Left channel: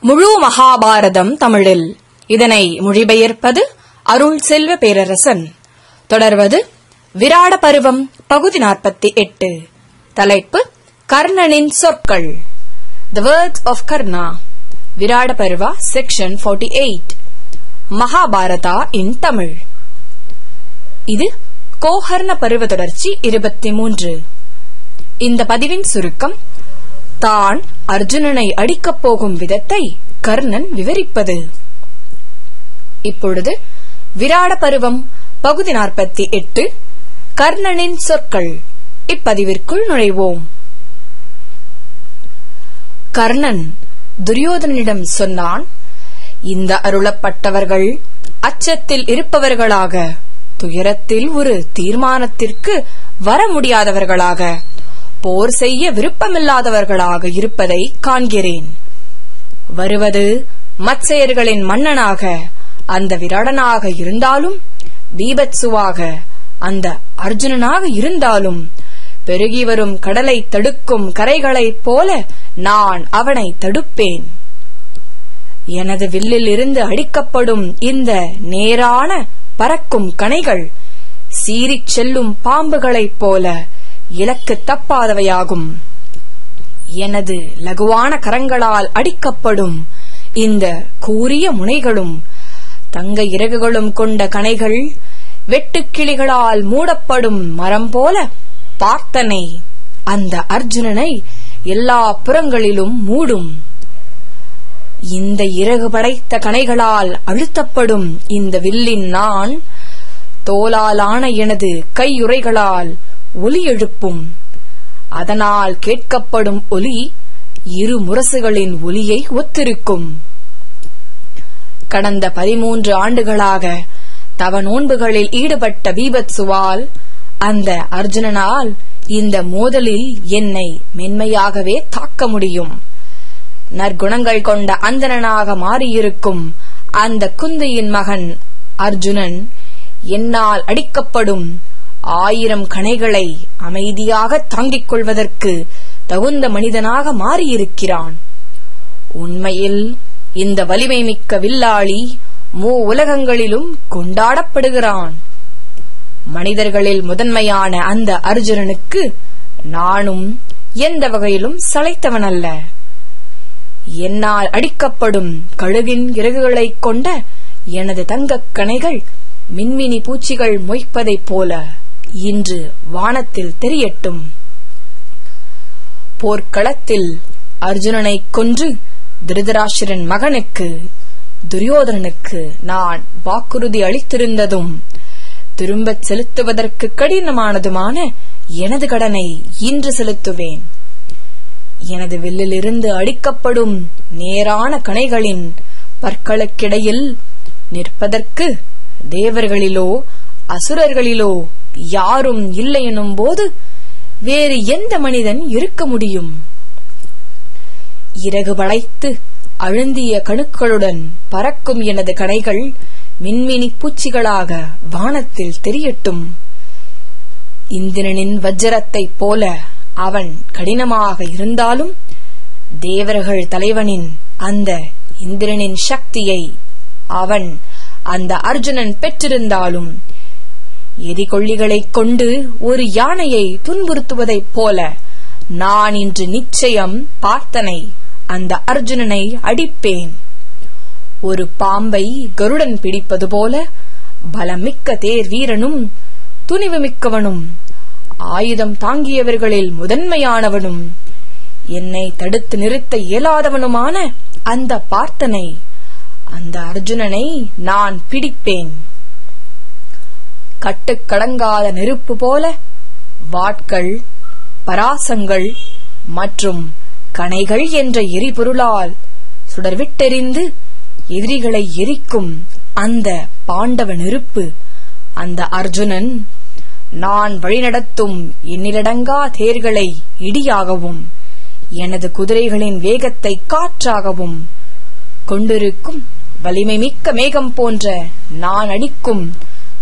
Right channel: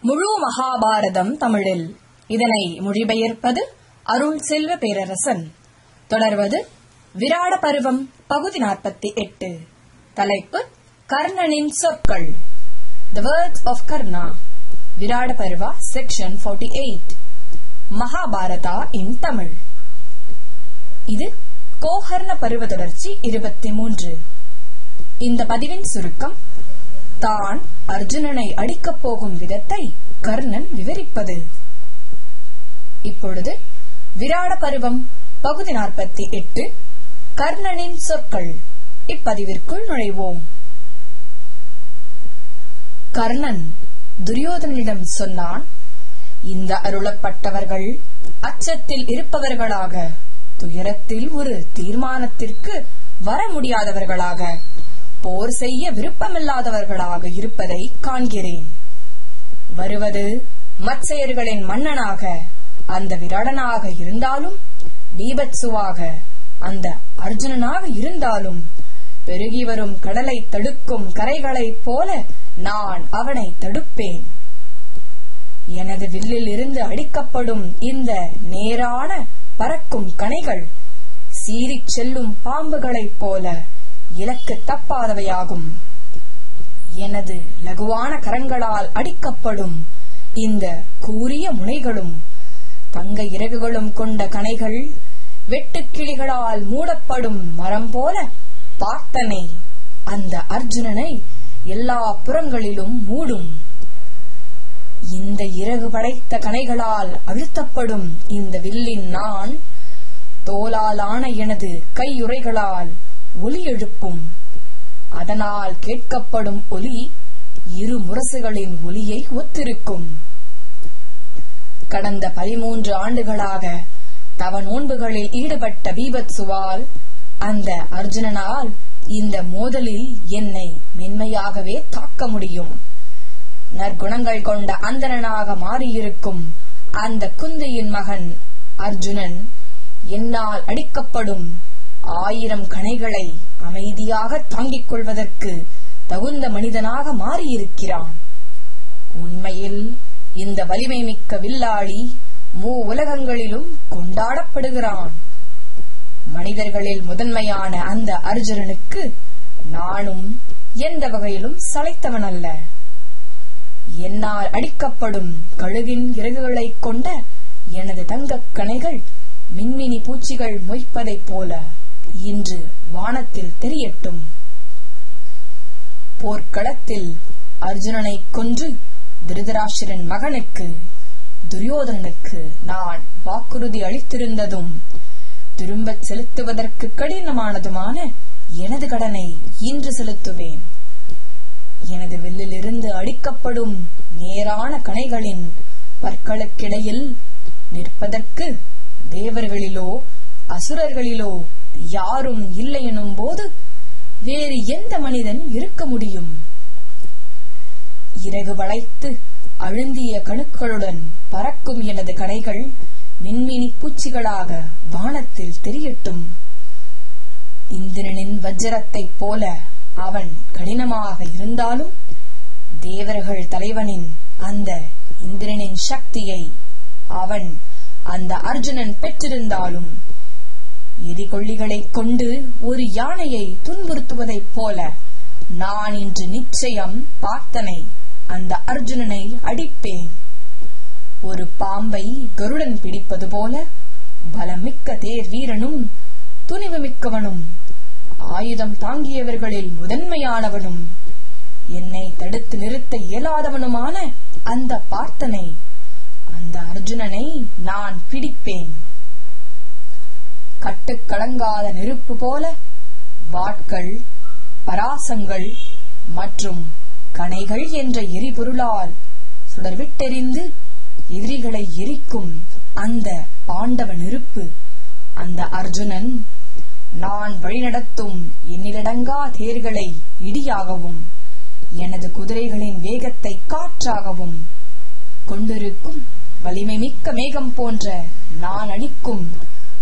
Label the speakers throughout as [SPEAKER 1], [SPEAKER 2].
[SPEAKER 1] முழு மகாபாரதம் தமிழில். இதனை மொழிபெயர்ப்பது அருள் செல்வ பேரரசன். தொடர்வது விராட பருவம் பகுதி நாற்பத்தி எட்டு. தலைப்பு கர்ணனின் சொற்கள். The words of Karna Virata Parva section 48 Mahabharata in Tamil. இது கோஹர்ண பருவ தொடர்ச்சி இருபத்தி மூன்று. இந்த பதிவின் சுருக்கம் தான் அர்ஜுனனை அடிக்கப் போகும் விதத்தை கர்ணன் விவரிப்பது. இப்பொழுது விராட பருவம் பகுதி நாற்பத்தி எட்டு கர்ணனின் சொற்கள். இப்பதிவிற்குள் நுழைவோம். கர்ணன் துரியோதனிடம் சொன்னான் இந்த அருளப்பட்டவர்கள் அச்சத்தில் இருப்பவர்களாக துயரத்தில் ஒரு தீர்மானத்திற்கு வர முடியாதவர்களாக போர் செய்ய விருப்பமில்லாதவர்களாக இருப்பதை காண்கிறேன். வருவது மத்சேயர்களின் மன்னனாக அந்த விராடனாக இருந்தாலும் பீபத்சுவாக அந்த அர்ஜுனனாக இருந்தாலும் பெருகி வரும் கடலை தடுக்கும் கரைகளைப் போல நான் அவனை தடுப்பேன். எனது வில்லில் இருந்து அடிக்கப்படும் இந்த நேரான பறக்கும் கணைகள் சீறிச் செல்லும் பாம்புகளைப் போல இலக்கு தப்பாதவையாகும். எனது லகுவான கரங்களால் அடிக்கப்படும் இந்த கூரிய முனைகளும் தங்க இறகுகளும் கொண்ட கணைகள் வெட்டுக்கிளிகளால் மூடப்படும் மரம் போல பார்த்தனை அந்த அர்ஜுனனை எல்லா புறங்களிலும் மூடும். இந்த இறகு படைத்த கணைகளால் அழுத்தப்படும் இந்த வில்லின் நான் தோலாலான எனது கையுறைகளால் ஒலி எழுப்பும். அதனால் கேட்கப்படும் ஒலி இரு முரசுகளின் ஒலியை ஒத்திருக்கும். கடந்த பதிமூன்று ஆண்டுகளாக தவ நோன்புகளில் ஈடுபட்ட பீபத்சுவால் அந்த அர்ஜுனனால் இந்த மோதலில் என்னை மென்மையாகவே தாக்க முடியும். நற்குணங்கள் கொண்ட அந்தணனாக மாறியிருக்கும் அந்த குந்தியின் மகன் அர்ஜுனன் என்னால் அடிக்கப்படும் ஆயிரம் கணைகளை அமைதியாக தாங்கிக் கொள்வதற்கு தகுந்த மனிதனாக மாறியிருக்கிறான். உண்மையில் இந்த வலிமை மிக்க வில்லாளி மூ உலகங்களிலும் கொண்டாடப்படுகிறான். மனிதர்களில் முதன்மையான அந்த அர்ஜுனனுக்கு நானும் எந்த வகையிலும் சளைத்தவனல்ல. என்னால் அடிக்கப்படும் கழுகின் இறகுகளைக் கொண்ட எனது தங்கக் கணைகள் மின்மினி பூச்சிகள் மொய்ப்பதைப் போல இன்று வானத்தில் தெரியட்டும். போர்க்களத்தில் அர்ஜுனனைக் கொன்று திருதராஷ்டிரன் மகனுக்கு துரியோதனனுக்கு நான் வாக்குறுதி அளித்திருந்ததும் திரும்பச் செலுத்துவதற்கு கடினமானதுமான எனது கடனை இன்று செலுத்துவேன். எனது வில்லிலிருந்து அடிக்கப்படும் நேரான கணைகளின் பற்களுக்கிடையில் நிற்பதற்கு தேவர்களிலோ அசுரர்களிலோ யாரும் இல்லை எனும் போது வேறு எந்த மனிதன் இருக்க முடியும்? இறகு வளைத்து அழுந்திய கணுக்களுடன் பறக்கும் எனது கடைகள் மின்மினி பூச்சிகளாக வானத்தில் தெரியட்டும். இந்திரனின் வஜ்ரத்தைப் போல அவன் கடினமாக இருந்தாலும் தேவர்கள் தலைவனின் அந்த இந்திரனின் சக்தியை அவன் அந்த அர்ஜுனன் பெற்றிருந்தாலும் எரிகொள்ளிகளைக் கொண்டு ஒரு யானையை துன்புறுத்துவதைப் போல நான் இன்று நிச்சயம் பார்த்தனை அந்த அர்ஜுனனை அடிப்பேன். ஒரு பாம்பை கருடன் பிடிப்பது போல பலமிக்க தேர் வீரனும் துணிவு மிக்கவனும் ஆயுதம் தாங்கியவர்களில் முதன்மையானவனும் என்னை தடுத்து நிறுத்த இயலாதவனுமான அந்த பார்த்தனை அந்த அர்ஜுனனை நான் பிடிப்பேன். கட்டுக்கடங்காத நெருப்பு போல வாட்கள் பராசங்கள் மற்றும் கணைகள் என்ற எரிபொருளால் சுடர்விட்டெறிந்து எதிரிகளை எரிக்கும் அந்த பாண்டவ நெருப்பு. அந்த அர்ஜுனன் நான் வழிநடத்தும் எண்ணிலடங்கா தேர்களை இடியாகவும் எனது குதிரைகளின் வேகத்தை காற்றாகவும் கொண்டிருக்கும் வலிமை மிக்க மேகம் போன்ற நான் அடிக்கும்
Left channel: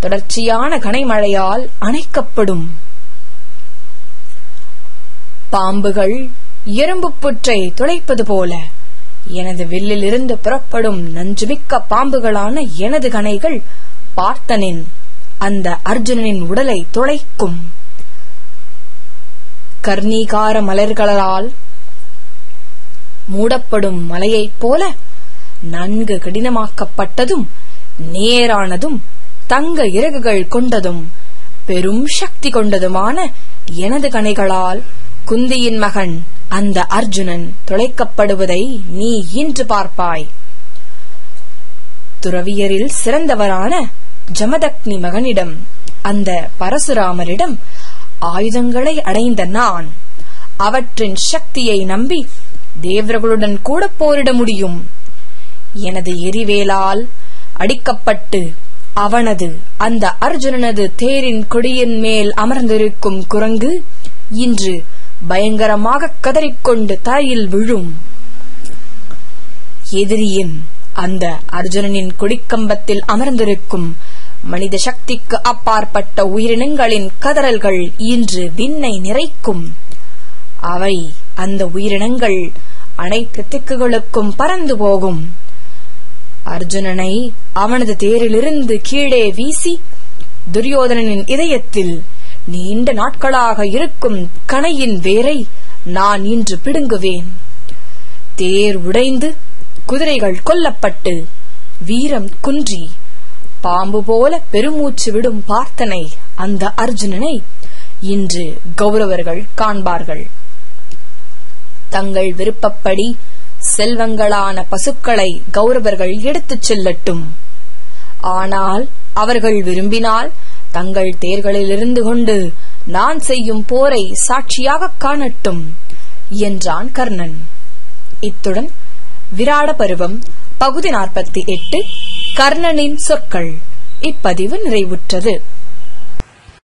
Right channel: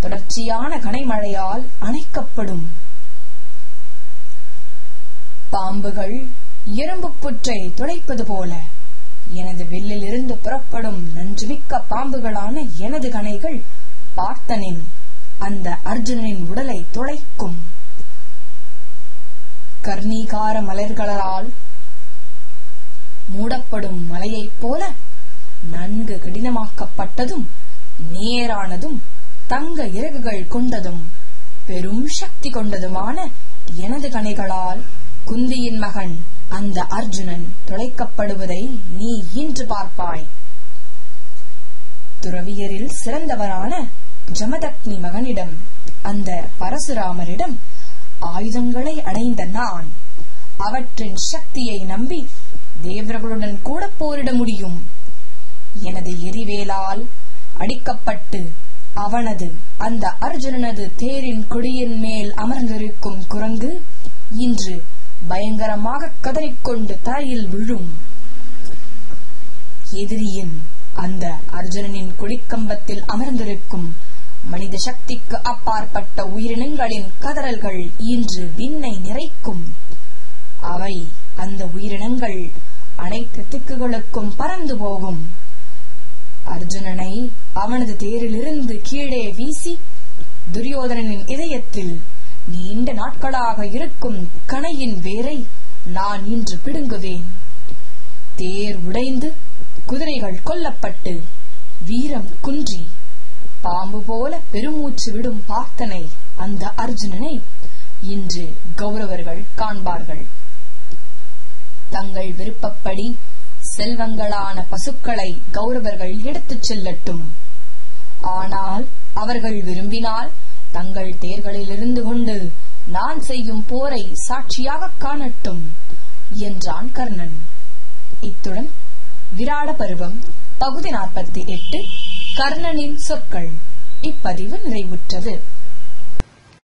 [SPEAKER 1] தொடர்ச்சியான கனைமழையால் அணைக்கப்படும். பாம்புகள் எறும்பு புற்றை துளைப்பது போல எனது வில்லிலிருந்து புறப்படும் நஞ்சுமிக்க பாம்புகளான எனது கணைகள் பார்த்தனின் அந்த அர்ஜுனனின் உடலை துளைக்கும். கர்ணீகார மலர்களால் மூடப்படும் மலையைப் போல நன்கு கடினமாக்கப்பட்டதும் நேரானதும் தங்க இறகுகள் கொண்டதும் பெரும் சக்தி கொண்டதுமான எனது கணைகளால் குந்தியின் மகன் அந்த அர்ஜுனன் துளைக்கப்படுவதை நீ இன்று பார்ப்பாய். துறவியரில் சிறந்தவரான ஜமதக்னி மகனிடம் அந்த பரசுராமரிடம் ஆயுதங்களை அடைந்த நான் அவற்றின் சக்தியை நம்பி தேவர்களுடன் கூட போரிட முடியும். எனது எரிவேலால் அடிக்கப்பட்டு அவனது அந்த அர்ஜுனனது தேரின் கொடியின் மேல் அமர்ந்திருக்கும் குரங்கு இன்று பயங்கரமாக கதறிக்கொண்டு தரையில் விழும். எதிரியின் அந்த அர்ஜுனனின் கொடிக்கம்பத்தில் அமர்ந்திருக்கும் மனித சக்திக்கு அப்பாற்பட்ட உயிரினங்களின் கதறல்கள் இன்று விண்ணை நிறைக்கும். அவை அந்த உயிரினங்கள் அனைத்து திக்குகளுக்கும் பறந்து போகும். அர்ஜுனனை அவனது தேரிலிருந்து கீழே வீசி துரியோதனனின் இதயத்தில் நீண்ட நாட்களாக இருக்கும் கணையின் வேரை நான் இன்று பிடுங்குவேன். தேர் உடைந்து குதிரைகள் கொல்லப்பட்டு வீரம் குன்றி பாம்பு போல பெருமூச்சு விடும் பார்த்தனை அந்த அர்ஜுனனை இன்று கௌரவர்கள் காண்பார்கள். தங்கள் விருப்பப்படி செல்வங்களான பசுக்களை கௌரவர்கள் எடுத்துச் செல்லட்டும். ஆனால் அவர்கள் விரும்பினால் தங்கள் தேர்களில் இருந்து கொண்டு நான் செய்யும் போரை சாட்சியாக காணட்டும் என்றான் கர்ணன். இத்துடன் விராட பருவம் பகுதி நாற்பத்தி எட்டு கர்ணனின் சொற்கள் இப்பதிவு நிறைவுற்றது.